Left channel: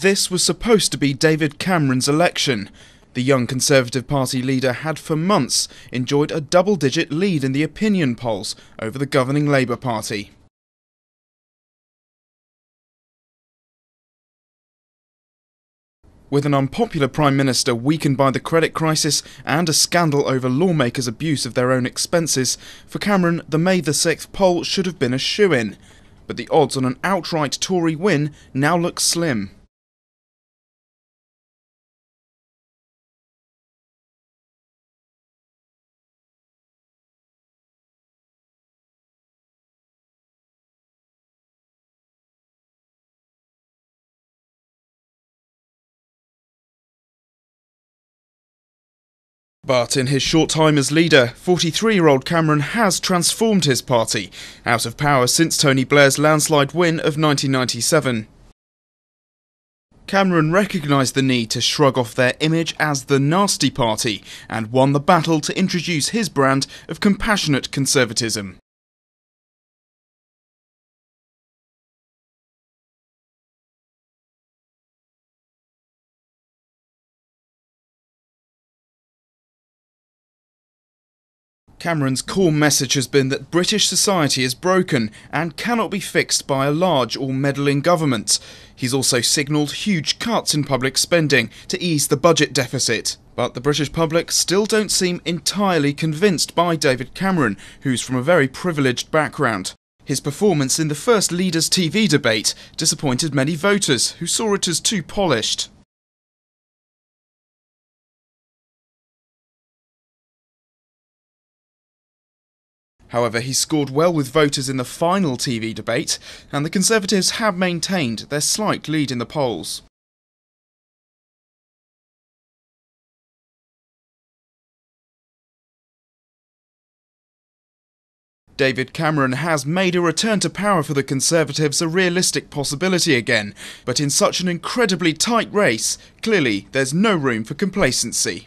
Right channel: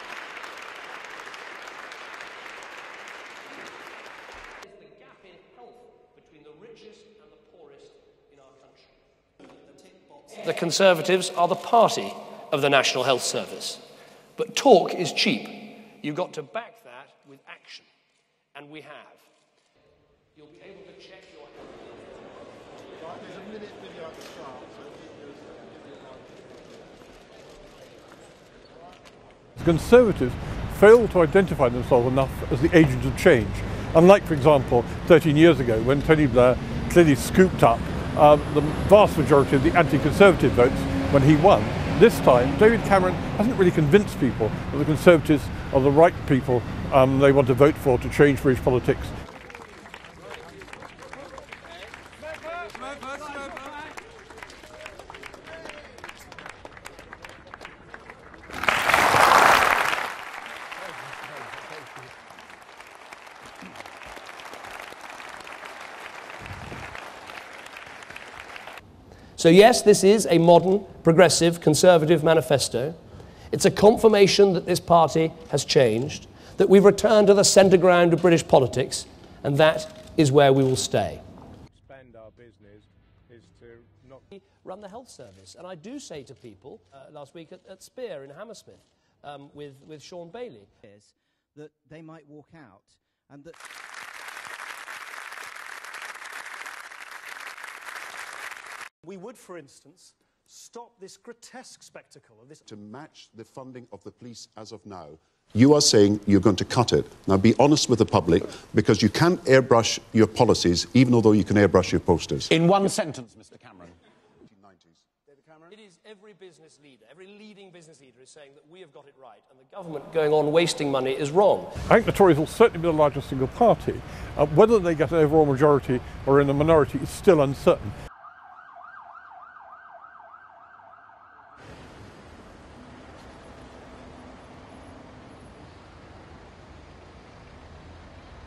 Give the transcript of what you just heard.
This was supposed to be David Cameron's election. The young Conservative Party leader had for months enjoyed a double-digit lead in the opinion polls over the governing Labour Party. The Conservatives are the party of the National Health Service, but talk is cheap. With an unpopular Prime Minister weakened by the credit crisis and a scandal over lawmakers' abuse of their own expenses, for Cameron, the May the 6th poll should have been a shoo-in. But the odds on an outright Tory win now look slim. The Conservatives fail to identify themselves enough as the agents of change. Unlike, for example, 13 years ago, when Tony Blair clearly scooped up the vast majority of the anti-Conservative votes when he won. This time, David Cameron hasn't really convinced people that the Conservatives are the right people they want to vote for to change British politics. But in his short time as leader, 43-year-old Cameron has transformed his party, out of power since Tony Blair's landslide win of 1997. Cameron recognised the need to shrug off their image as the nasty party and won the battle to introduce his brand of compassionate conservatism. So yes, this is a modern, progressive, conservative manifesto. It's a confirmation that this party has changed, that we've returned to the centre ground of British politics, and that is where we will stay. Cameron's core message has been that British society is broken and cannot be fixed by a large or meddling government. He's also signalled huge cuts in public spending to ease the budget deficit. But the British public still don't seem entirely convinced by David Cameron, who's from a very privileged background. His performance in the first Leaders' TV debate disappointed many voters who saw it as too polished. You are saying you're going to cut it. Now be honest with the public, because you can't airbrush your policies, even although you can airbrush your posters. In one sentence. However, he scored well with voters in the final TV debate, and the Conservatives have maintained their slight lead in the polls. Government going on wasting money is wrong. I think the Tories will certainly be the largest single party. Whether they get an overall majority or in a minority is still uncertain. David Cameron has made a return to power for the Conservatives a realistic possibility again, but in such an incredibly tight race, clearly there's no room for complacency.